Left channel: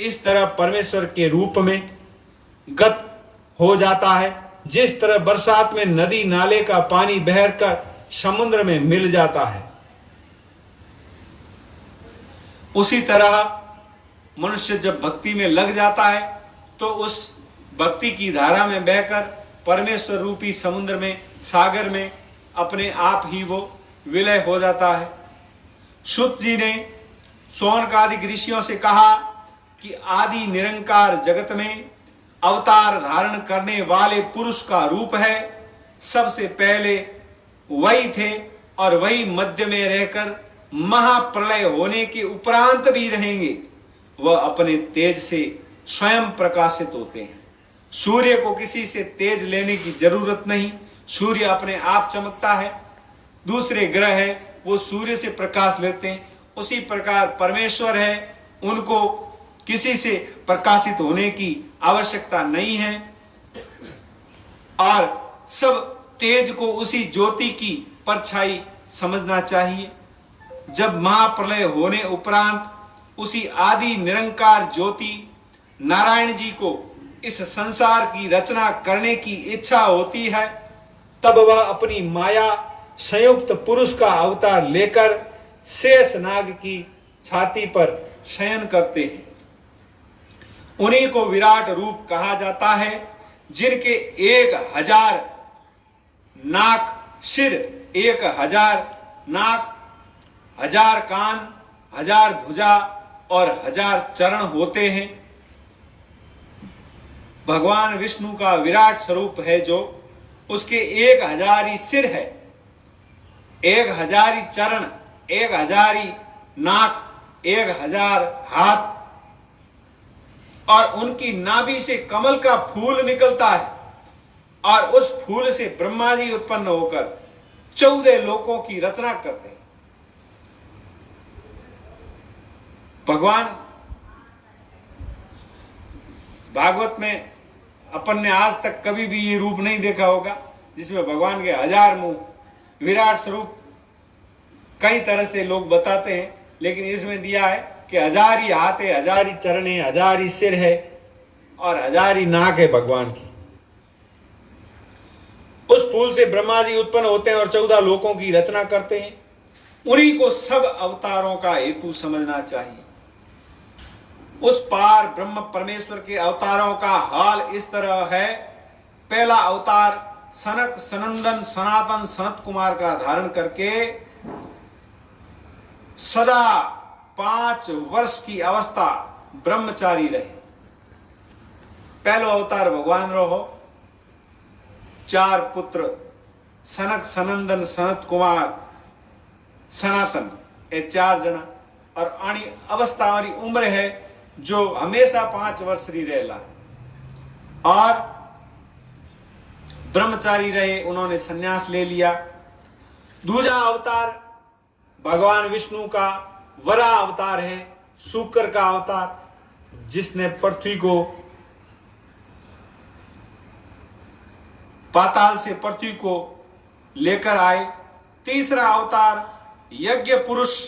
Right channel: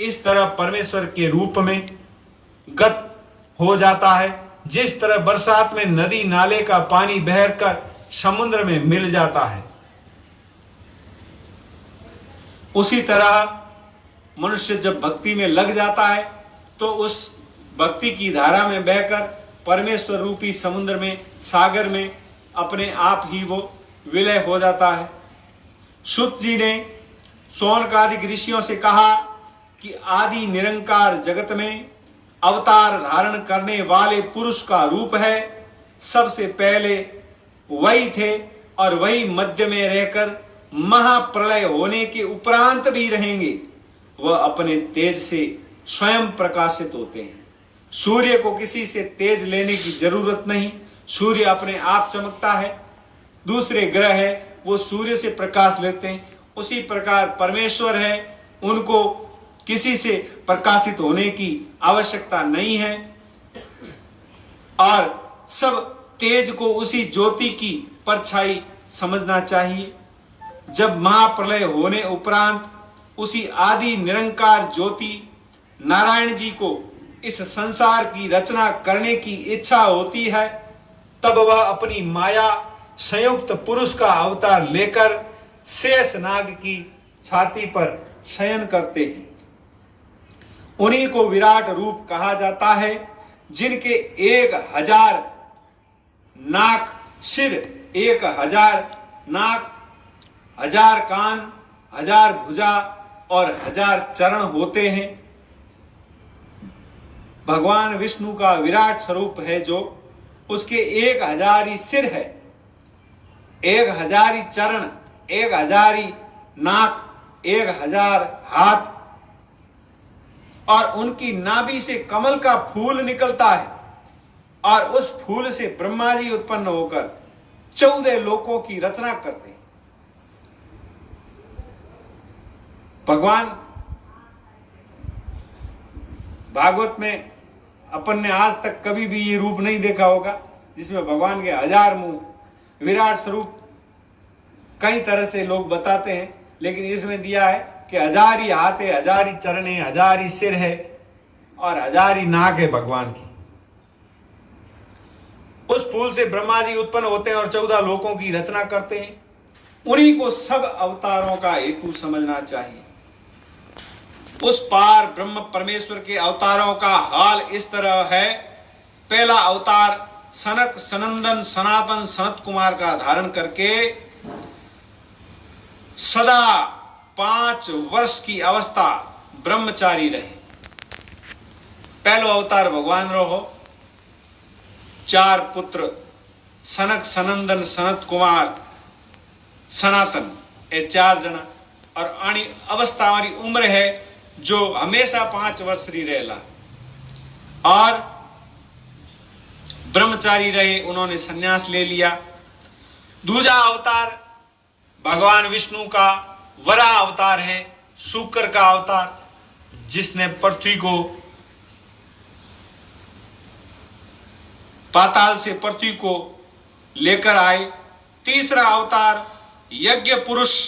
इस तरह परमेश्वर के रूप में गत हो जाता है। जिस तरह बरसात में नदी नाले का पानी बहकर समुद्र में मिल जाता है, उसी तरह मनुष्य जब भक्ति में लग जाता है तो उस भक्ति की धारा में बहकर परमेश्वर रूपी समुद्र में, सागर में अपने आप ही वो विलय हो जाता है। शुद्ध जी ने शौनकादिक ऋषियों से कहा कि आदि निरंकार जगत में अवतार धारण करने वाले पुरुष का रूप है। सबसे पहले वही थे और वही मध्य में रहकर महाप्रलय होने के उपरांत भी रहेंगे। वह अपने तेज से स्वयं प्रकाशित होते हैं। सूर्य को किसी से तेज लेने की जरूरत नहीं, सूर्य अपने आप चमकता है। दूसरे ग्रह है वो सूर्य से प्रकाश लेते हैं। उसी प्रकार परमेश्वर है, उनको किसी से प्रकाशित होने की आवश्यकता नहीं है और सब तेज को उसी ज्योति की परछाई समझना चाहिए। जब महाप्रलय होने उपरांत उसी आदि निरंकार ज्योति नारायण जी को इस संसार की रचना करने की इच्छा होती है, तब वह अपनी माया संयुक्त पुरुष का अवतार लेकर शेष नाग की छाती पर शयन करते हैं। उन्हीं को विराट रूप कहा जाता है, जिनके 1000 नाक सिर, 1000 नाक, 1000 कान, 1000 भुजा और 1000 चरण होते हैं। भगवान विष्णु का विराट स्वरूप है जो उसके 1000 ही सिर है, 1000 ही चरण, 1000 ही नाक, 1000 हाथ और उनकी नाभि से कमल का फूल निकलता है और उस फूल से ब्रह्मा जी उत्पन्न होकर 14 लोकों की रचना करते हैं। भगवान भागवत में अपन ने आज तक कभी भी ये रूप नहीं देखा होगा जिसमें भगवान के 1000 मुंह, विराट स्वरूप कई तरह से लोग बताते हैं, लेकिन इसमें दिया है कि 1000 ही हाथ है, 1000 ही चरण है, 1000 ही सिर है और 1000 ही नाक है भगवान की। उस फूल से ब्रह्मा जी उत्पन्न होते हैं और 14 लोकों की रचना करते हैं। उन्हीं को सब अवतारों का हेतु समझना चाहिए। उस पार ब्रह्म परमेश्वर के अवतारों का हाल इस तरह है। पहला अवतार सनक सनंदन सनातन सनत कुमार का धारण करके सदा 5 वर्ष की अवस्था ब्रह्मचारी रहे। पहलो अवतार भगवान रो हो, 4 पुत्र सनक सनंदन सनत कुमार सनातन, ये 4 जना और आनी अवस्था हमारी उम्र है जो हमेशा 5 वर्ष री रहेला और ब्रह्मचारी रहे, उन्होंने सन्यास ले लिया। दूसरा अवतार भगवान विष्णु का वराह अवतार है, शुक्र का अवतार, जिसने पृथ्वी को पाताल से पृथ्वी को लेकर आए। तीसरा अवतार यज्ञ पुरुष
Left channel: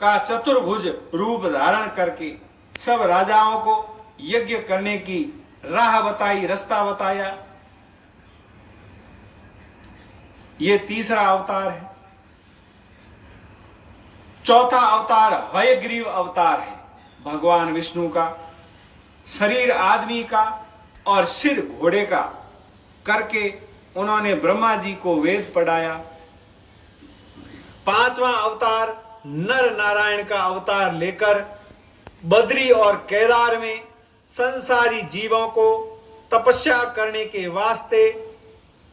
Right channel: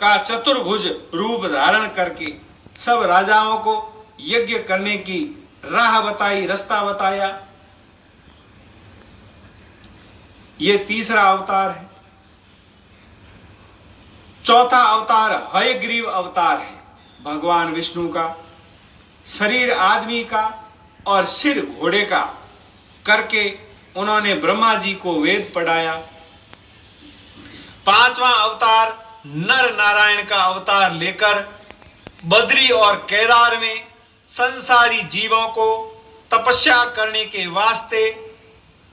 का चतुर्भुज रूप धारण करके सब राजाओं को यज्ञ करने की राह बताई, रास्ता बताया। ये तीसरा अवतार है। चौथा अवतार हयग्रीव अवतार है भगवान विष्णु का। शरीर आदमी का और सिर घोड़े का करके उन्होंने ब्रह्मा जी को वेद पढ़ाया। पांचवा अवतार नर नारायण का अवतार लेकर बद्री और केदार में संसारी जीवों को तपस्या करने के वास्ते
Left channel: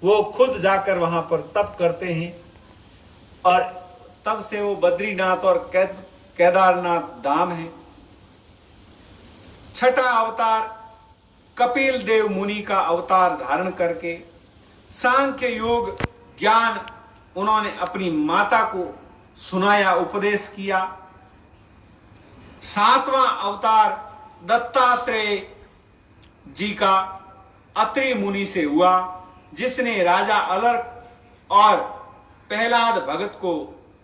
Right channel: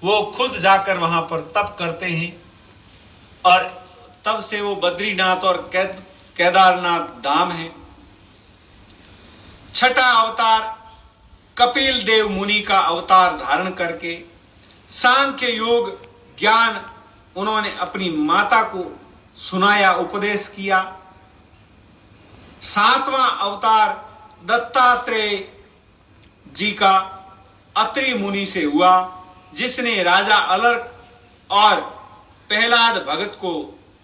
वो खुद जाकर वहां पर तप करते हैं और तब से वो बद्रीनाथ और केदारनाथ धाम है। छठा अवतार कपिल देव मुनि का अवतार धारण करके सांख्य योग ज्ञान उन्होंने अपनी माता को सुनाया, उपदेश किया। सातवां अवतार दत्तात्रेय जी का अत्रि मुनि से हुआ, जिसने राजा अलर्क और प्रहलाद भगत को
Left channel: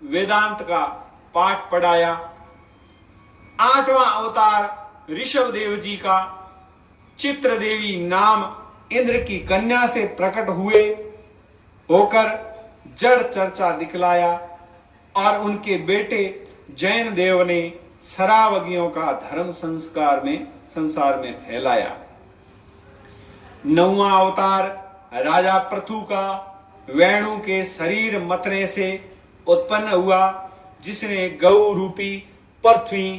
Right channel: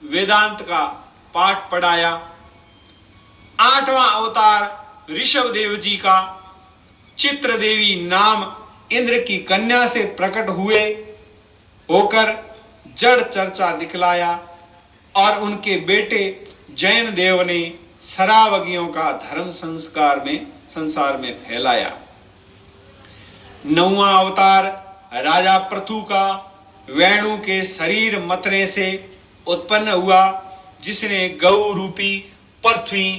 वेदांत का पाठ पढ़ाया। आठवां अवतार ऋषभ देव जी का चित्र देवी नाम इंद्र की कन्या से प्रकट हुए होकर जड़ चर्चा दिखलाया और उनके बेटे जैन देव ने शरावगियों का धर्म संसार में फैलाया। 9वां अवतार राजा पृथु का वेणु के शरीर मतने से उत्पन्न हुआ, जिसने गौ रूपी पृथ्वी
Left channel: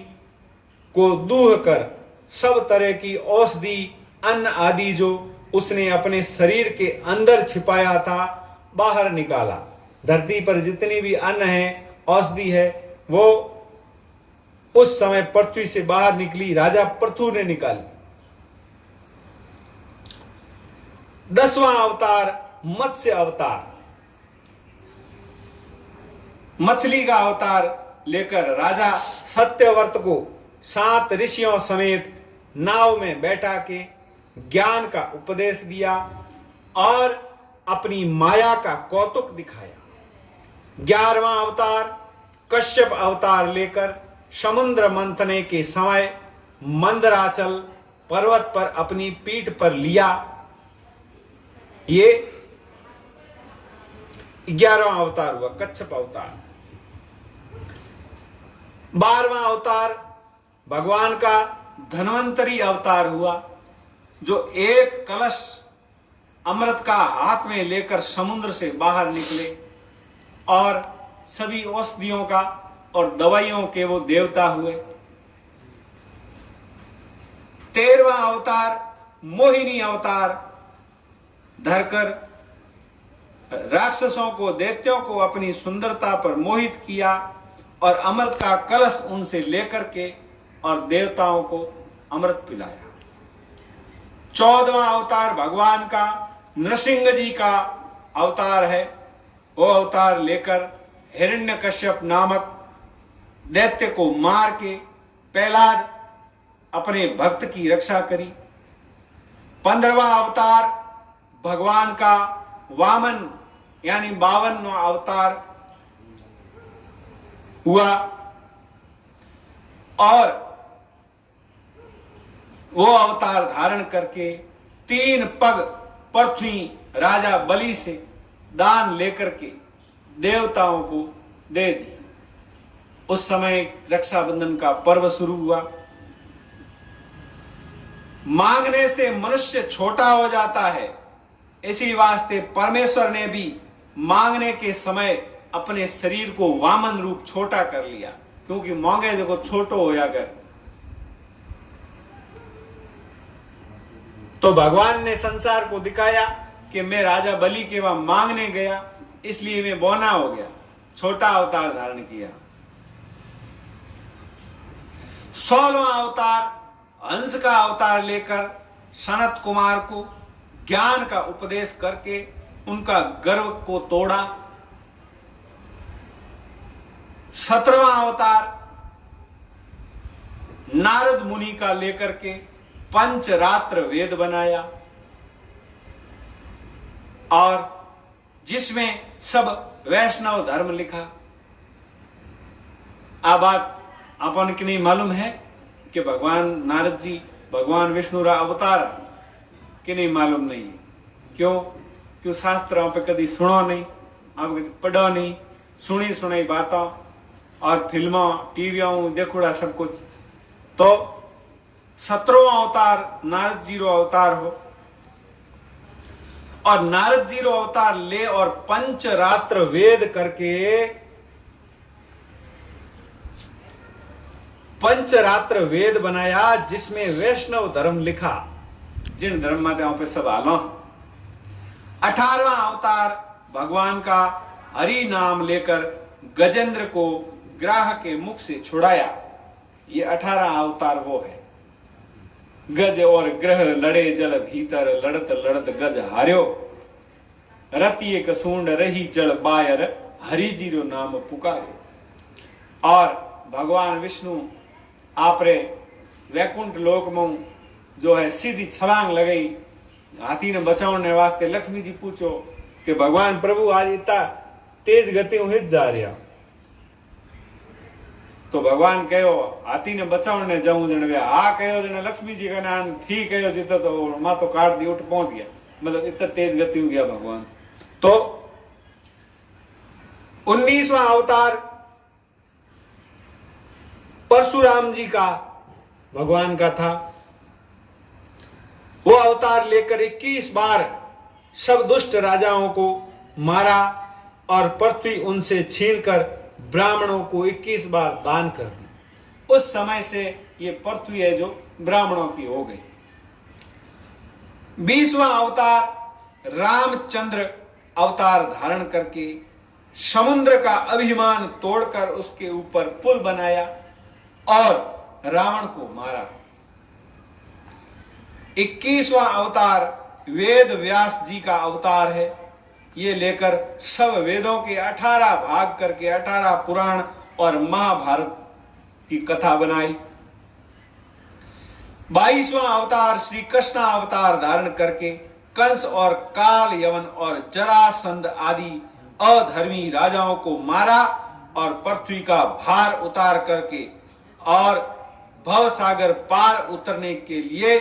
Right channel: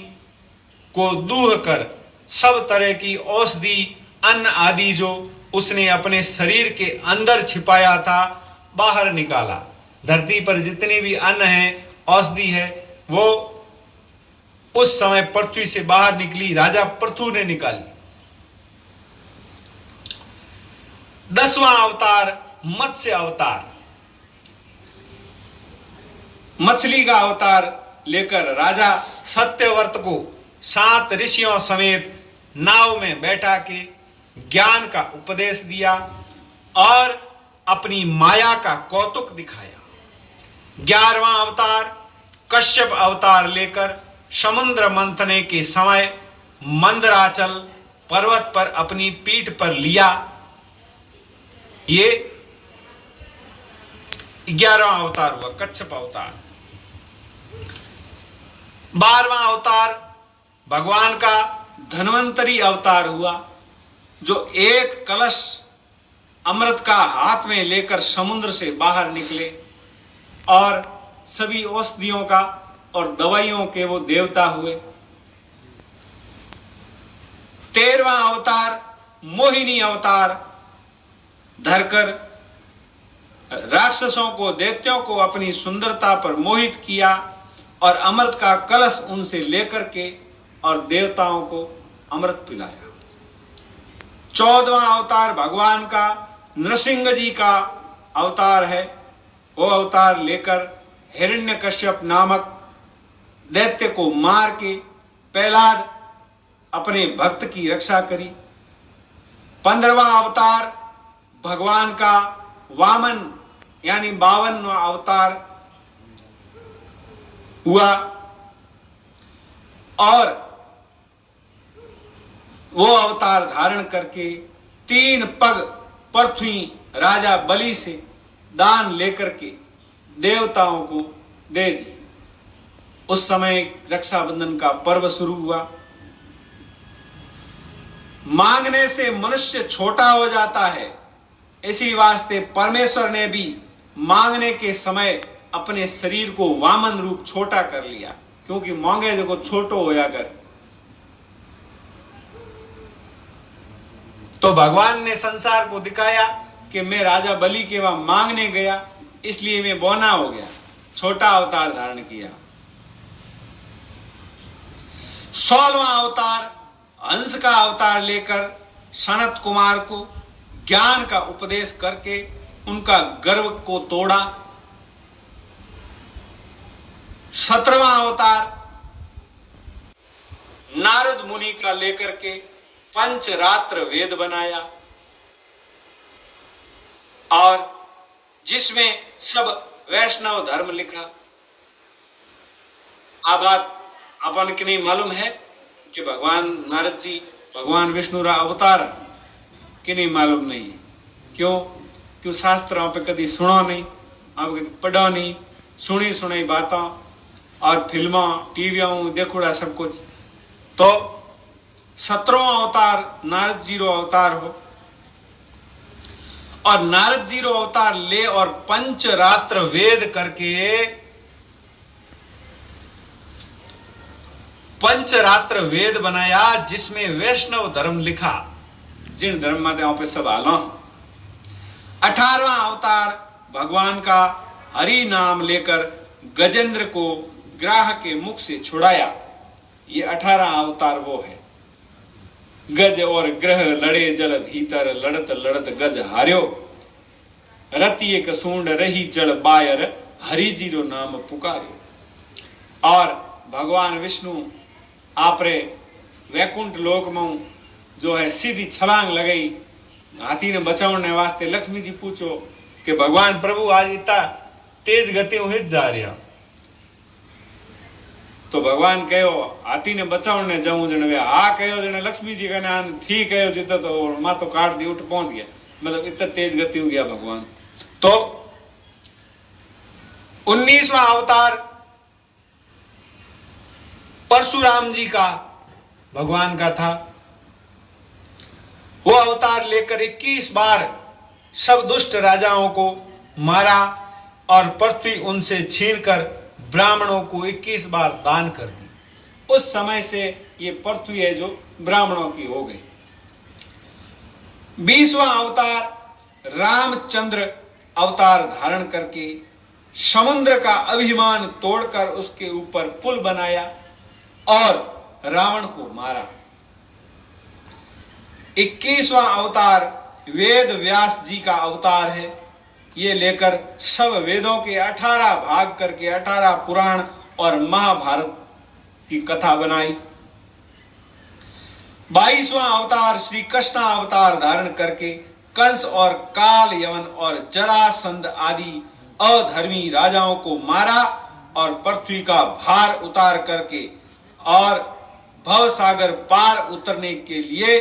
को दूह कर सब तरह की औषधि अन्न आदि जो उसने अपने शरीर के अंदर छिपाया था बाहर निकाला। धरती पर जितनी भी अन्न है, औषधि है, वो उस समय पृथ्वी से बाहर निकली, राजा पृथु ने निकाली। 10वां अवतार मत्स्य अवतार, मछली का अवतार लेकर राजा सत्यव्रत को 7 ऋषियों समेत नाव में बैठा के ज्ञान का उपदेश दिया और अपनी माया का कौतुक दिखाया। 11वां अवतार कश्यप अवतार लेकर समुद्र मंथने के समय मंदराचल पर्वत पर अपनी पीठ पर लिया। ये 11वां अवतार हुआ कच्छप अवतार। 12वां अवतार भगवान का धन्वंतरी अवतार हुआ, जो एक कलश अमृत का हाथ में लेकर समुद्र से बाहर निकले और सभी औषधियों का और दवाइयों के वो देवता हुए। 13वां अवतार मोहिनी अवतार धरकर राक्षसों को, दैत्यों को अपनी सुंदरता पर मोहित किया और अमृत का कलश उनसे लेकर के और देवताओं को अमृत पिलाया। 14वां अवतार भगवान का नृसिंह जी का अवतार है। वो अवतार लेकर हिरण्यकश्यप नामक दैत्य को मार के प्रहलाद अपने भक्त की रक्षा करी। 15वां अवतार भगवान का वामन यानी 52वां अवतार हुआ और वो अवतार धारण करके 3 पग पृथ्वी राजा बलि से दान लेकर के देवताओं को दे दी। उस समय रक्षाबंधन का पर्व शुरू हुआ। मांगने से मनुष्य छोटा हो जाता है, इसी वास्ते परमेश्वर ने भी मांगने के समय अपने शरीर को वामन रूप छोटा कर लिया, क्योंकि मांगे देखो छोटो होया कर। तो भगवान ने संसार को दिखाया कि मैं राजा बलि के वहां मांगने गया, इसलिए मैं बौना हो गया, छोटा अवतार धारण किया। 16वां अवतार हंस का अवतार लेकर सनत कुमार को ज्ञान का उपदेश करके उनका गर्व को तोड़ा। 17वां अवतार नारद मुनि का लेकर के पंचरात्र वेद बनाया और जिसमें सब वैष्णव धर्म लिखा। आ बात अपन के नहीं मालूम है कि भगवान नारद जी भगवान विष्णु रा अवतार कि नहीं मालूम नहीं। क्यों शास्त्रों पे कभी सुनो नहीं, आप कभी पढ़ो नहीं, सुनी बातों और फिल्मों टीवियों देखोड़ा सब कुछ। तो 17वां अवतार नारद जी रो अवतार हो और नारद जी रो अवतार ले और पंचरात्र वेद करके पंचरात्र वेद बनाया, जिसमें वैष्णव धर्म लिखा, जिन धर्म माते आप पे सब आलो। 18वां अवतार भगवान का हरि नाम लेकर गजेंद्र को ग्राह के मुख से छुड़ाया। ये 18 अवतार वो है। गज और ग्रह लड़े जल भीतर, लड़त लड़त गज हार्यो, रति एक सूंड रही जल बायर, हरि जीरो नाम पुकार्यो। और भगवान विष्णु आपरे वैकुंठ लोक में जो है सीधी छलांग लगाई हाथी ने बचाने वास्ते। लक्ष्मी जी पूछो कि भगवान प्रभु आज इतना तेज गति हित जा रहा, तो भगवान कहो हाथी ने बचावने जाऊं जने वे आ कहो जने लक्ष्मी जी का ठीक कहो जित तो माँ तो काट दी उठ पहुंच गया, मतलब इतना तेज गति हो गया भगवान। तो 19वां अवतार परशुराम जी का भगवान का था। वो अवतार लेकर 21 बार सब दुष्ट राजाओं को मारा और पृथ्वी उनसे छीनकर ब्राह्मणों को 21 बार दान कर दी। उस समय से ये पृथ्वी है जो ब्राह्मणों की हो गई। 20वां अवतार रामचंद्र अवतार धारण करके समुद्र का अभिमान तोड़कर उसके ऊपर पुल बनाया और रावण को मारा। 21वां अवतार वेद व्यास जी का अवतार है। ये लेकर सब वेदों के 18 भाग करके 18 पुराण और महाभारत की कथा बनाई। 22वां अवतार श्री कृष्ण अवतार धारण करके कंस और काल यवन और जरासंध आदि अधर्मी राजाओं को मारा और पृथ्वी का भार उतार करके और भव सागर पार उतरने के लिए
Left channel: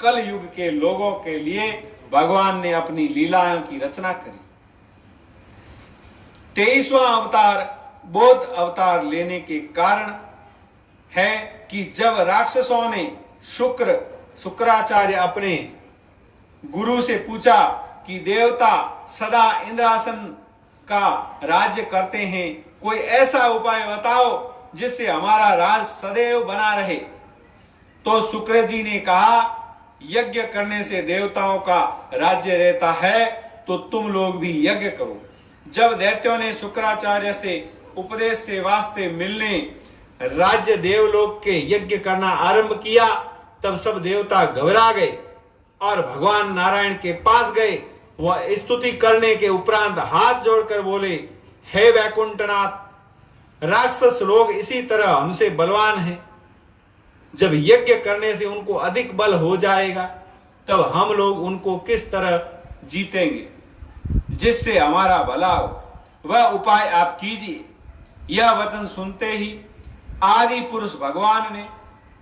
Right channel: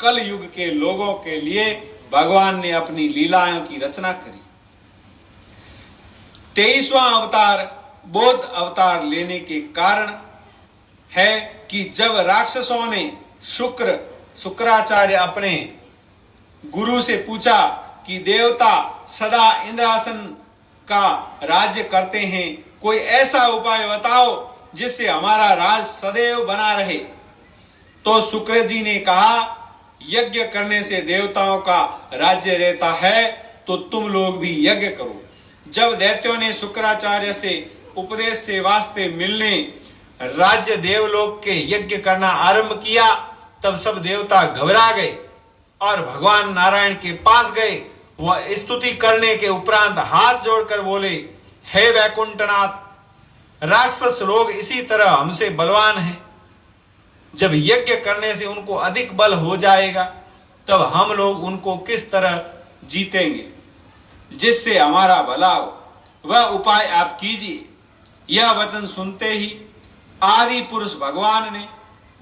कल युग के लोगों के लिए भगवान ने अपनी लीलाओं की रचना करी। 23वां अवतार बौद्ध अवतार लेने के कारण है कि जब राक्षसों ने शुक्राचार्य अपने गुरु से पूछा कि देवता सदा इंद्रासन का राज्य करते हैं, कोई ऐसा उपाय बताओ जिससे हमारा राज सदैव बना रहे, तो शुक्र जी ने कहा यज्ञ करने से देवताओं का राज्य रहता है, तो तुम लोग भी यज्ञ करो। जब दैत्यों ने शुक्राचार्य से उपदेश से वास्ते मिलने राज्य देवलोक के यज्ञ करना आरंभ किया, तब सब देवता घबरा गए और भगवान नारायण के पास गए। वह स्तुति करने के उपरांत हाथ जोड़कर बोले, हे वैकुंठनाथ, राक्षस लोग इसी तरह हमसे बलवान हैं। जब यज्ञ करने से उनको अधिक बल हो जाएगा, तब हम लोग उनको किस तरह जीतेंगे, जिससे हमारा भला हो। वह उपाय आप कीजिए। यह वचन सुनते ही आदि पुरुष भगवान ने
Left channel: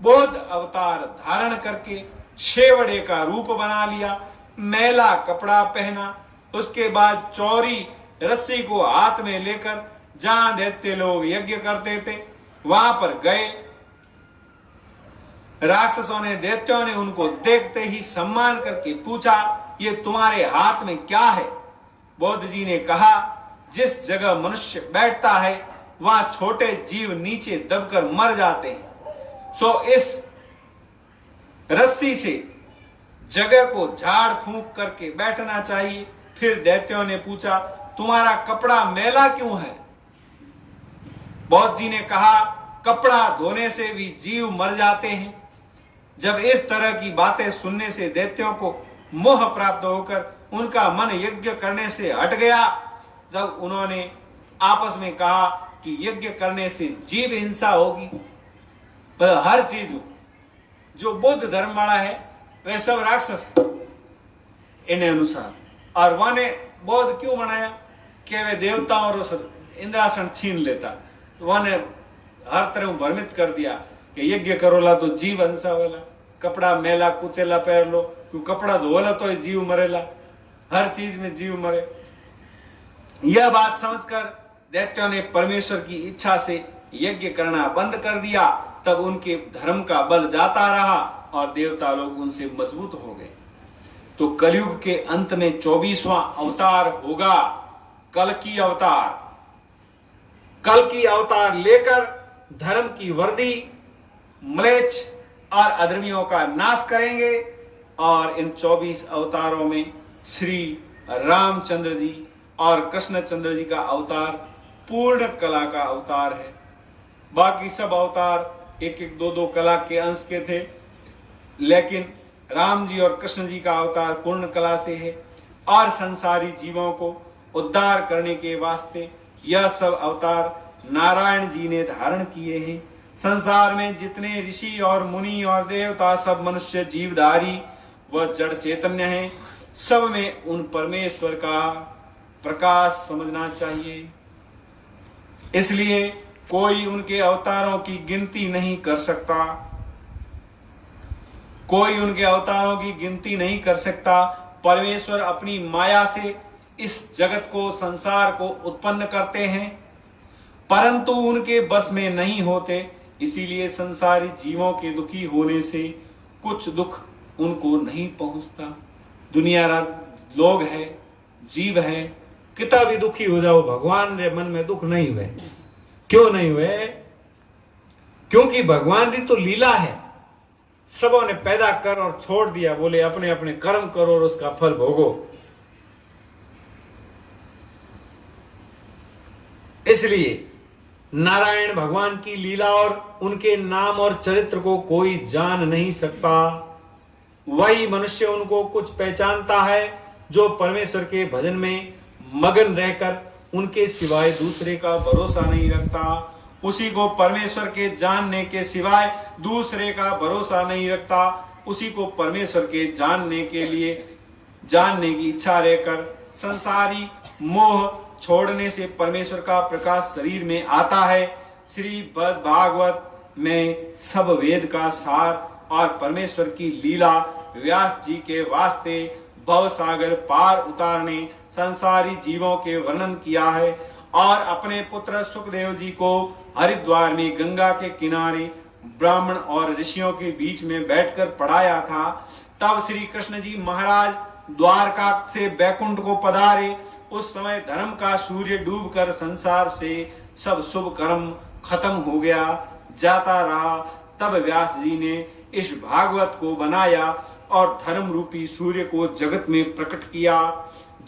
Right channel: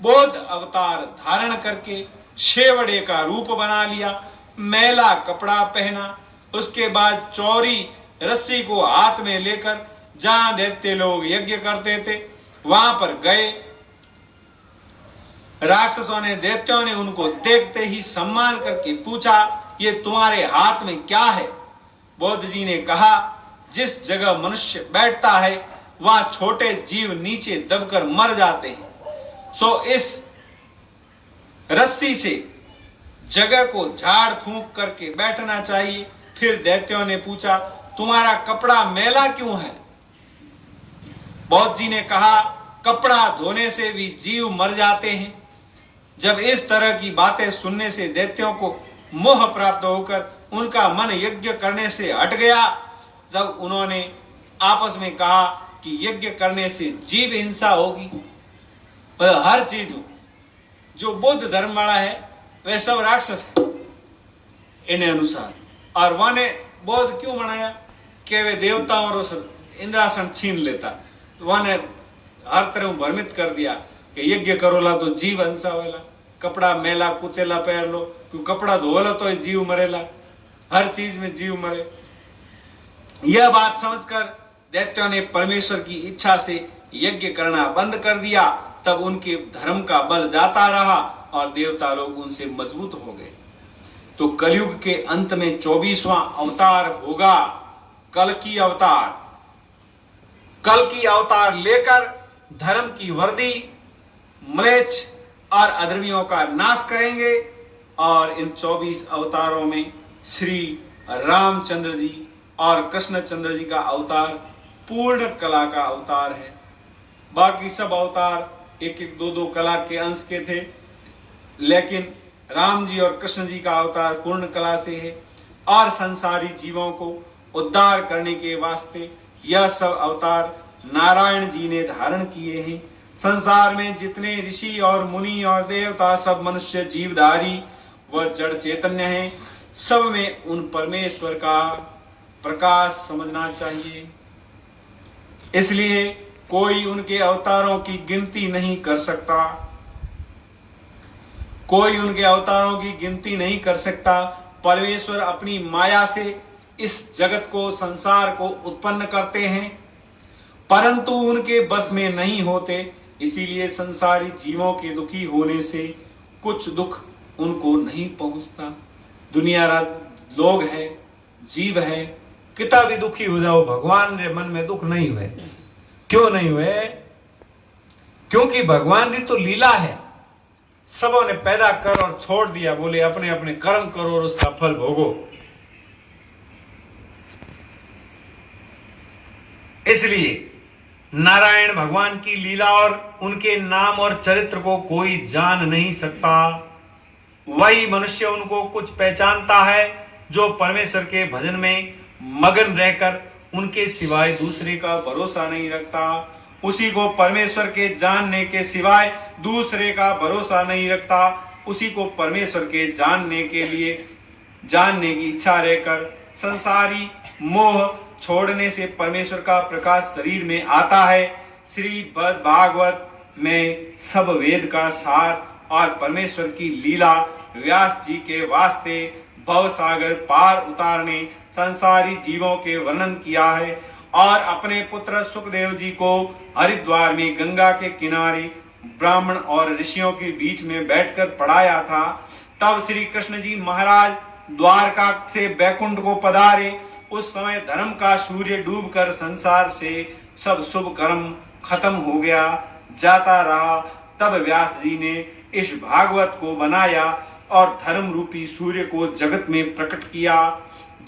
बौद्ध अवतार धारण करके शेवड़े का रूप बना लिया, मैला कपड़ा पहना, उसके बाद चौरी रस्सी को हाथ में लेकर जहां दैत्य लोग यज्ञ करते थे वहां पर गए। राक्षसों ने दैत्यों ने उनको देखते ही सम्मान करके पूछा, ये तुम्हारे हाथ में क्या है? बौद्ध जी ने कहा, जिस जगह मनुष्य बैठता है वहां छोटे जीव नीचे दबकर मर जाते हैं, सो इस रस्सी से जगह को झाड़ फूंक करके बैठना चाहिए। फिर दैत्यों ने पूछा, तुम्हारा कपड़ा मैला क्यों है? बौद्ध जी ने कहा, कपड़ा धोने से भी जीव मर जाते हैं। जब इस तरह की बातें सुनने से दैत्यों को मोह प्राप्त होकर उनका मन यज्ञ करने से हट गया, तब उन्होंने आपस में कहा कि यज्ञ करने से जीव हिंसा होगी। पर हर चीज जो बौद्ध धर्म वाला है वह सब राक्षस है इन अनुसार। और वह ने बौद्ध क्यों बनाया कि वे देवताओं और इंद्रासन छीन लेता। वह ने हर तरह भ्रमित कर दिया कि यज्ञ करोला तो जीव हिंसा वाला, कपड़ा मेला कुचेला पहन लो, क्यों कपड़ा धोला तो जीव मरेला, हर चीज में जीव मरे। यह बात समझकर दैत्यों ने परमेश्वर की इच्छा से यज्ञ करना बंद कर दिया। तब उनके धर्म का बल जाता रहा और देवता लोग उनसे मजबूत हो गए। तो कलयुग के अंत में 24वां अवतार होगा कल्कि अवतार। कल्कि अवतार लेकर धर्म की वर्दी, म्लेच्छ और अधर्मियों का नाश करेंगे। और इन 24 अवतारों में श्री रामचंद्र जी और कृष्णचंद्र जी का अवतार पूर्ण कला का अवतार है। बाकी सब अवतार एक एक दो दो कला के अंश के थे, लेकिन राम जी और कृष्ण जी का अवतार पूर्ण कला से है। और संसारी जीवों को उद्धार करने के वास्ते यह सब अवतार नारायण जी ने धारण किए हैं। संसार में जितने ऋषि और मुनि और देवता सब मनुष्य जीवधारी व जड़ चैतन्य हैं, सब में उन परमेश्वर का प्रकाश समझना चाहिए। इसलिए कोई उनके अवतारों की गिनती नहीं कर सकता, कोई उनके अवतारों की गिनती नहीं कर सकता। परमेश्वर अपनी माया से इस जगत को, संसार को उत्पन्न करते हैं, परंतु उनके बस में नहीं होते। इसीलिए संसारी जीवों के दुखी होने से कुछ दुख उनको नहीं पहुंचता। दुनिया लोग है, जीव है, कितना भी दुखी हो जाओ, भगवान के मन में दुख नहीं हुए। क्यों नहीं हुए? क्योंकि भगवान की तो लीला है। सबों ने पैदा कर और छोड़ दिया, बोले अपने अपने कर्म करो और उसका फल भोगो। इसलिए नारायण भगवान की लीला और उनके नाम और चरित्र को कोई जान नहीं सकता। वही मनुष्य उनको कुछ पहचानता है जो परमेश्वर के भजन में मगन रहकर उनके सिवाय दूसरे का भरोसा नहीं रखता। उसी को परमेश्वर के जानने के सिवाय दूसरे का भरोसा नहीं रखता। उसी को परमेश्वर के जानने के लिए, जानने की इच्छा रहकर संसारी मोह छोड़ने से परमेश्वर का प्रकाश शरीर में आता है। श्री भागवत में सब वेद का सार और परमेश्वर की लीला व्यास जी के वास्ते भव सागर पार उतारने संसारी जीवों के वर्णन किया है और अपने पुत्र सुखदेव जी को हरिद्वार में गंगा के किनारे ब्राह्मण और ऋषियों के बीच में बैठकर पढ़ाया था। तब श्री कृष्ण जी महाराज द्वारका से बैकुंठ को पधारे। उस समय धर्म का सूर्य डूबकर संसार से सब शुभ कर्म खत्म हो गया, जाता रहा। तब व्यास जी ने इस भागवत को बनाया और धर्म रूपी सूर्य को जगत में प्रकट किया।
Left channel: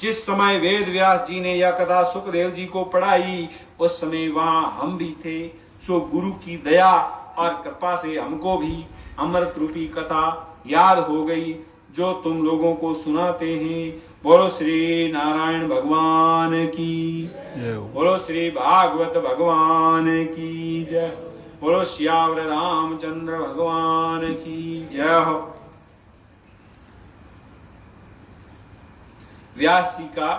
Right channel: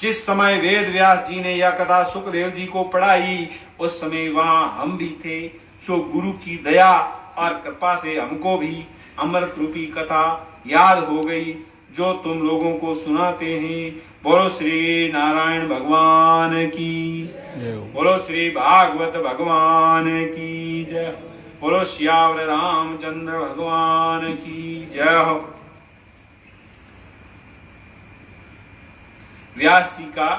जिस समय वेद व्यास जी ने यह कथा सुखदेव जी को पढ़ाई, उस समय वहां हम भी थे। सो गुरु की दया और कृपा से हमको भी अमृत रूपी कथा याद हो गई, जो तुम लोगों को सुनाते हैं। बोलो श्री नारायण भगवान की, बोलो श्री भागवत भगवान की जय, बोलो श्यावर रामचंद्र भगवान की जय हो। व्यास जी का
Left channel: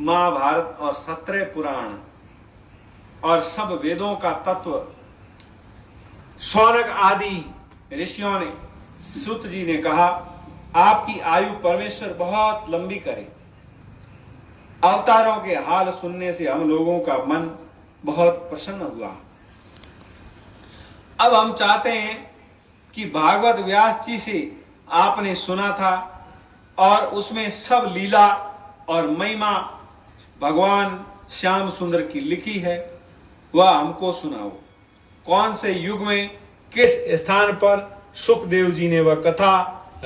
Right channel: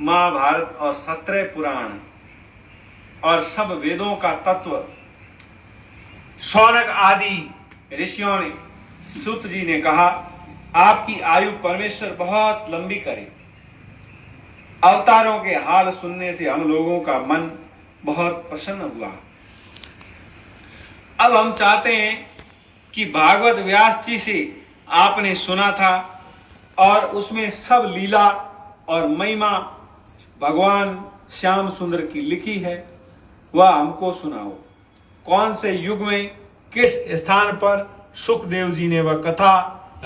महाभारत और 17 पुराण और सब वेदों का तत्व शौनक आदि ऋषियों ने, सूत जी ने कहा, आपकी आयु परमेश्वर बहुत लंबी करे। अवतारों के हाल सुनने से हम लोगों का मन बहुत प्रसन्न हुआ। अब हम चाहते हैं कि भागवत व्यास जी से आपने सुना था और उसमें सब लीला और महिमा भगवान श्याम सुंदर की लिखी है, वह हमको सुनाओ। कौन से युग में किस स्थान पर सुखदेव जी ने वह कथा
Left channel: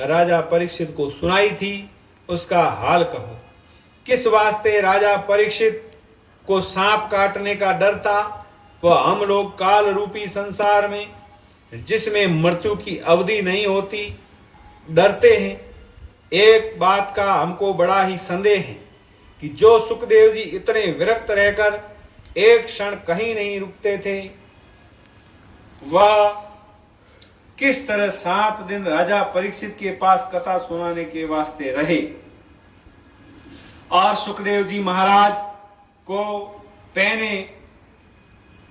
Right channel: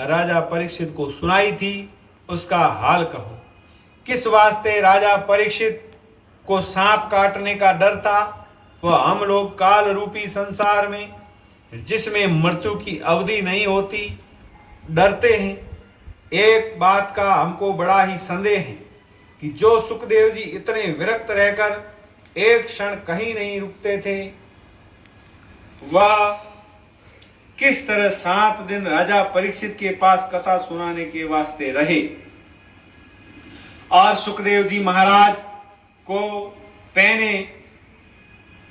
राजा परीक्षित को सुनाई थी, उसका हाल कहो। किस वास्ते राजा परीक्षित को सांप काटने का डर था, वह हम लोग काल रूपी संसार में, जिसमें मृत्यु की अवधि नहीं होती, डरते हैं। एक बात का हमको बड़ा ही संदेह है कि जो सुखदेव जी इतने विरक्त रहकर एक क्षण कहीं नहीं रुकते थे, वह किस तरह 7 दिन राजा परीक्षित के पास कथा सुनाने के वास्ते रहे और सुखदेव जी महाराज को पहने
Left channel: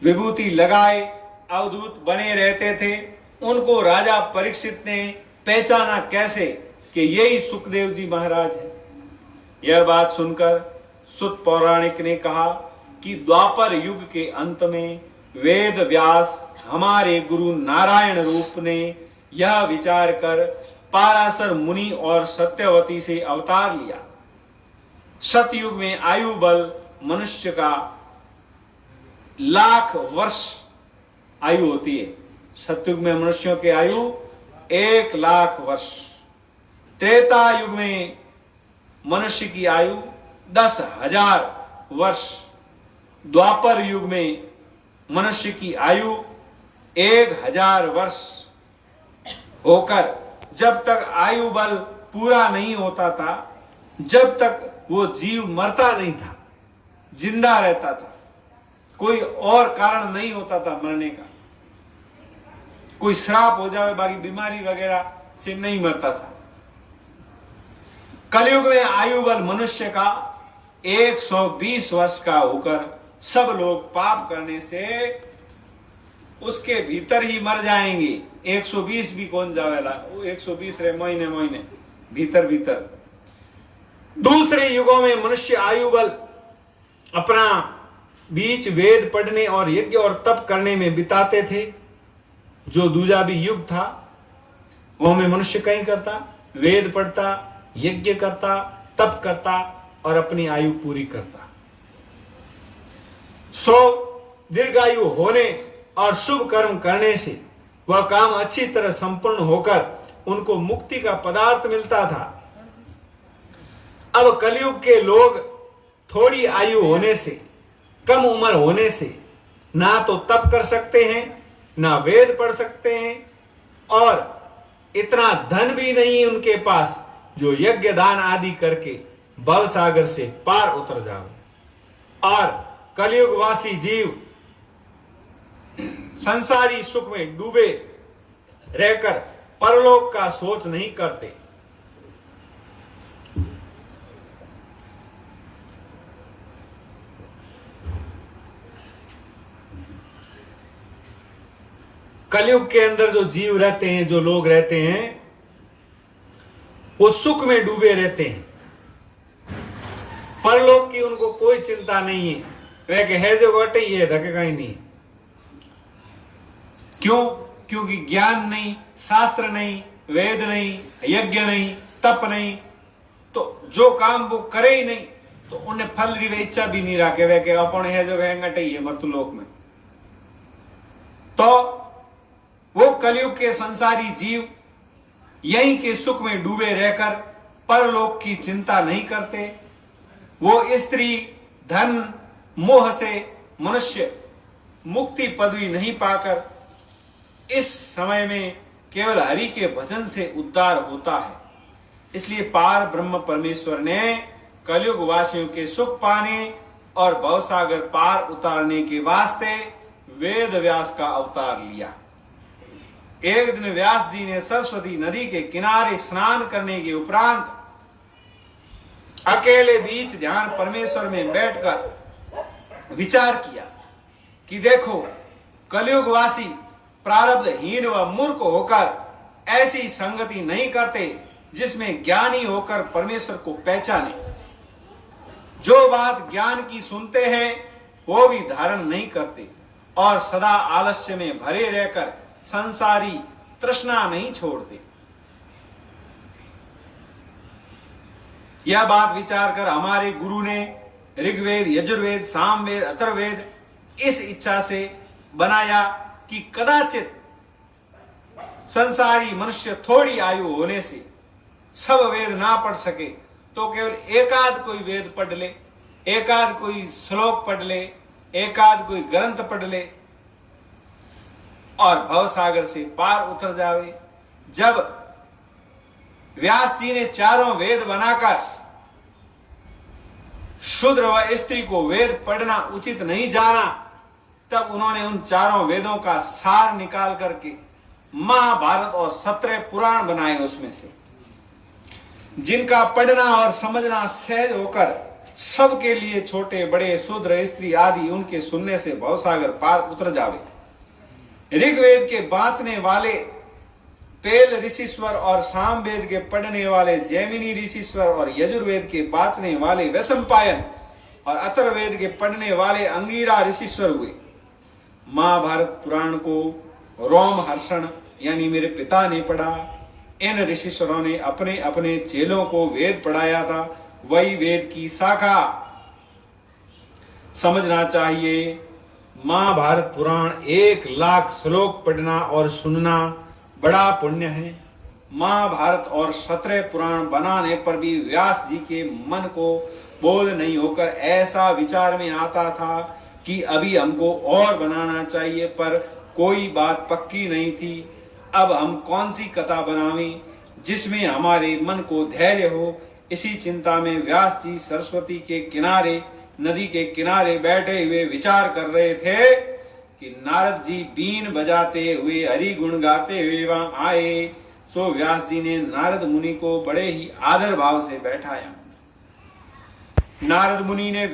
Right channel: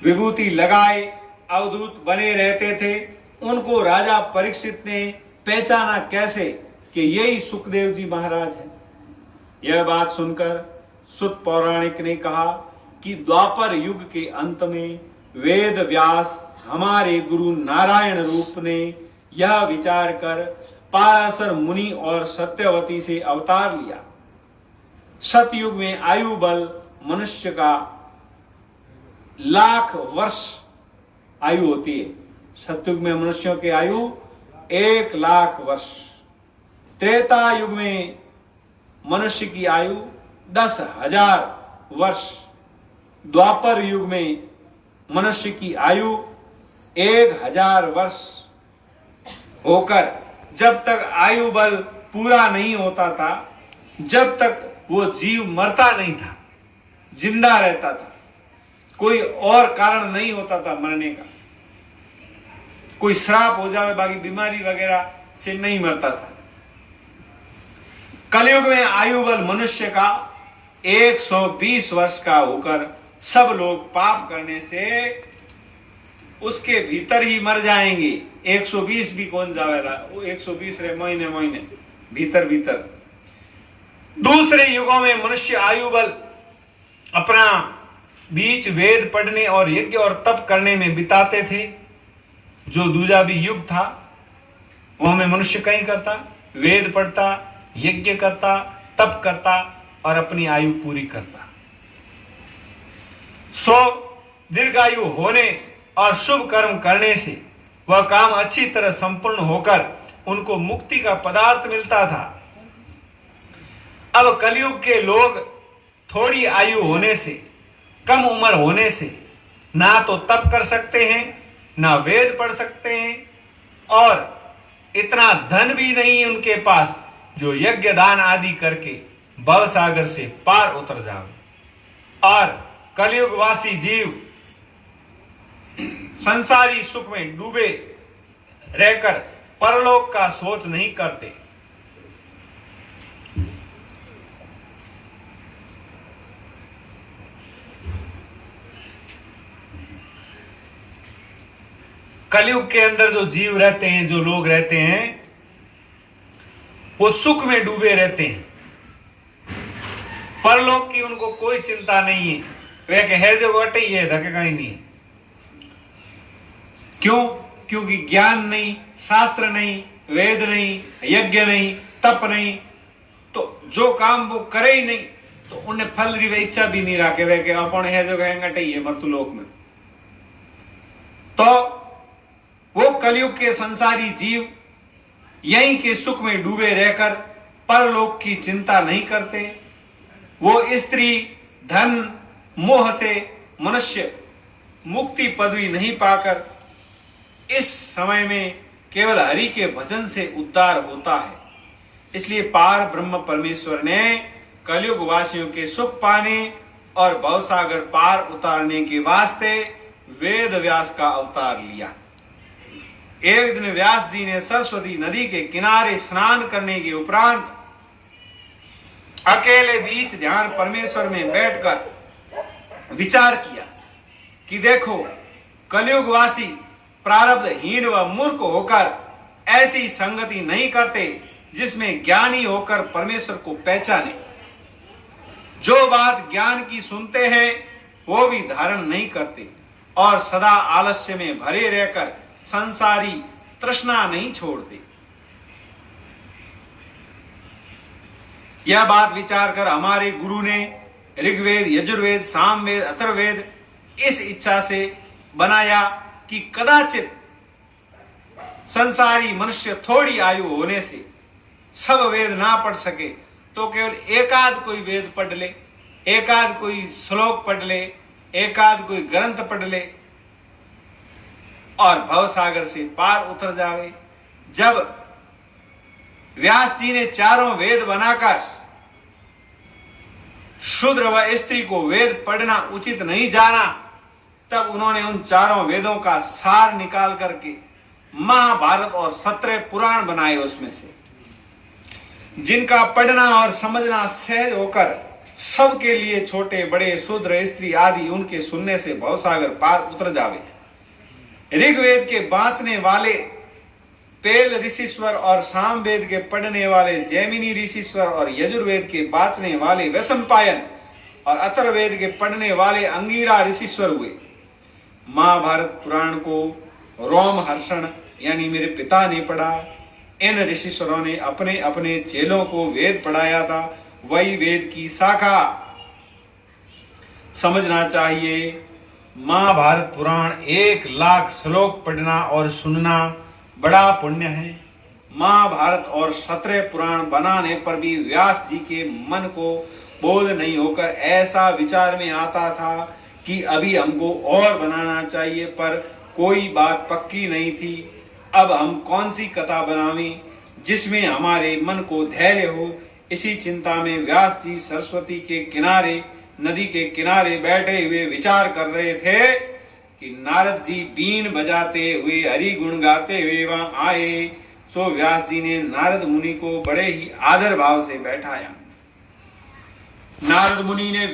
विभूति लगाए अवधूत बने रहते थे। उनको राजा परीक्षित ने पहचाना कैसे कि यही सुखदेव जी महाराज है। यह बात सुनकर सुत पौराणिक ने कहा कि द्वापर युग के अंत में वेद व्यास हमारे गुरु नारायण रूप ने यह विचार कर पाराशर मुनि और सत्यवती से अवतार लिया। सतयुग में आयु बल मनुष्य का 1,00,000 वर्ष आयु होती है। सतयुग में मनुष्यों की आयु 1,00,000 वर्ष। त्रेता युग में मनुष्य की आयु 10,000 वर्ष। द्वापर युग में मनुष्य की आयु 1,000 वर्ष होकर जब तक आयु बल पूरा नहीं होता था, जब तक वो जीव मरता नहीं था, जिंदा रहता था, कोई और कारण नहीं होता था मरने का, कोई श्राप हो जाए, बाकी बीमारी वगैरह से नहीं मरता था। कलयुग में आयु बल मनुष्य का 120 वर्ष का होकर सब लोग पाप करने से उसके भीतर ही मर जाएंगे। 120 भी कौन जावेला, वो 120 रे महीने महीने भीतर भीतर। दूसरे युगों में मनुष्य आयु बल अपना बीच वेद पढ़ने और यज्ञ और तप करने में बिताते थे। जो दूजा भी युग था वो में मनुष्य कहीं करता, वेद पढ़ता, यज्ञ करता, तप करता और अपनी आयु पूरी करता। 100 दीर्घायु होने और शुभ कर्म करने से वह काम अच्छी तरह संपूर्ण होकर उनको मुक्ति का पदार्थ मिलता था। अब कलयुग के लोग थोड़ी आयु होने से, कम उम्र होने से ना तो तप कर सकते हैं, ना वेद पढ़ सकते हैं और इतना धन भी नहीं उनके पास जो यज्ञ दान आदि करके भव सागर से पार उतर जाओ। और कलयुगवासी जीव संसारी सुख में डूबे रहकर परलोक का सोच नहीं करते। कलयुग के अंदर जो जीव रहते हैं, जो लोग रहते हैं, वो सुख में डूबे रहते हैं। परलोक की उनको कोई चिंता नहीं है। वह कहे जो बटे ये धकेगा ही नहीं। क्यों? क्योंकि ज्ञान नहीं, शास्त्र नहीं, वेद नहीं, यज्ञ नहीं, तप नहीं, तो जो काम वो करे ही नहीं तो उन्हें फल री इच्छा भी नहीं रखे। वह के अपन है जो कहेंगे ये मर्तलोक में। तो वो कलयुग के संसारी जीव यहीं के सुख में डूबे रहकर परलोक की चिंता नहीं करते। वो स्त्री, धन, मोह से मनुष्य मुक्ति पदवी नहीं पाकर इस समय में केवल हरि के भजन से उद्धार होता है। इसलिए पार ब्रह्म परमेश्वर ने कलयुग वासियों के सुख पाने और भवसागर पार उतारने के वास्ते वेद व्यास का अवतार लिया। एक दिन व्यास जी ने सरस्वती नदी के किनारे स्नान करने के उपरांत अकेले बीच ध्यान परमेश्वर में बैठकर विचार किया कि देखो, कलयुगवासी प्रारब्धहीन व मूर्ख होकर ऐसी संगति नहीं करते जिसमें ज्ञानी होकर परमेश्वर को पहचाने। जो बात ज्ञान की सुनते हैं वो भी धारण नहीं करते और सदा आलस्य में भरे रहकर संसारी तृष्णा नहीं छोड़ते। यह बात विचार कर हमारे गुरु ने ऋग्वेद, यजुर्वेद, सामवेद, अथर्ववेद इस इच्छा से बनाया कि कदाचित संसारी मनुष्य थोड़ी आयु होने से सब वेद ना पढ़ सके तो केवल एकाध कोई वेद पढ़ ले, एकाध कोई श्लोक पढ़ ले, एकाध कोई ग्रंथ पढ़ ले और भवसागर से पार उतर जावे। जब व्यास जी ने चारों वेद बनाकर शूद्र व स्त्री को वेद पढ़ना उचित नहीं जाना, तब उन्होंने उन चारों वेदों का सार निकाल करके महाभारत और 17 पुराण बनाए। उसमें से जिनका पढ़ना और समझना सहज होकर सबके लिए, छोटे बड़े, शूद्र स्त्री आदि, उनके सुनने से भवसागर पार उतर जावे। ऋग्वेद के बांचने वाले पेल ऋषिश्वर और सामवेद के पढ़ने वाले जैमिनी ऋषिश्वर और यजुर्वेद के बांचने वाले वैशंपायन और अथर्ववेद के पढ़ने वाले अंगिरा ऋषिश्वर हुए। महाभारत पुराण को रोमहर्षण यानी मेरे पिता ने पढ़ा। इन ऋषिश्वरों ने अपने अपने चेलों को वेद पढ़ाया था। वही वेद की शाखा समझना चाहिए। महाभारत पुराण 1 लाख श्लोक पढ़ना और सुनना बड़ा पुण्य है। महाभारत और 17 पुराण बनाने पर भी व्यास जी के मन को बोध नहीं होकर ऐसा विचार में आता था कि अभी हमको और बनाना चाहिए, पर कोई बात पक्की नहीं थी। अब हम कौन सी कथा बनावें जिसमें हमारे मन को धैर्य हो। इसी चिंता में व्यास जी सरस्वती के किनारे, नदी के किनारे बैठे हुए विचार कर रहे थे कि नारद जी बीन बजाते हुए, हरि गुण गाते हुए वहां आए। सो व्यास जी ने नारद मुनि को बड़े ही आदर भाव से बैठाया। नारद मुनि ने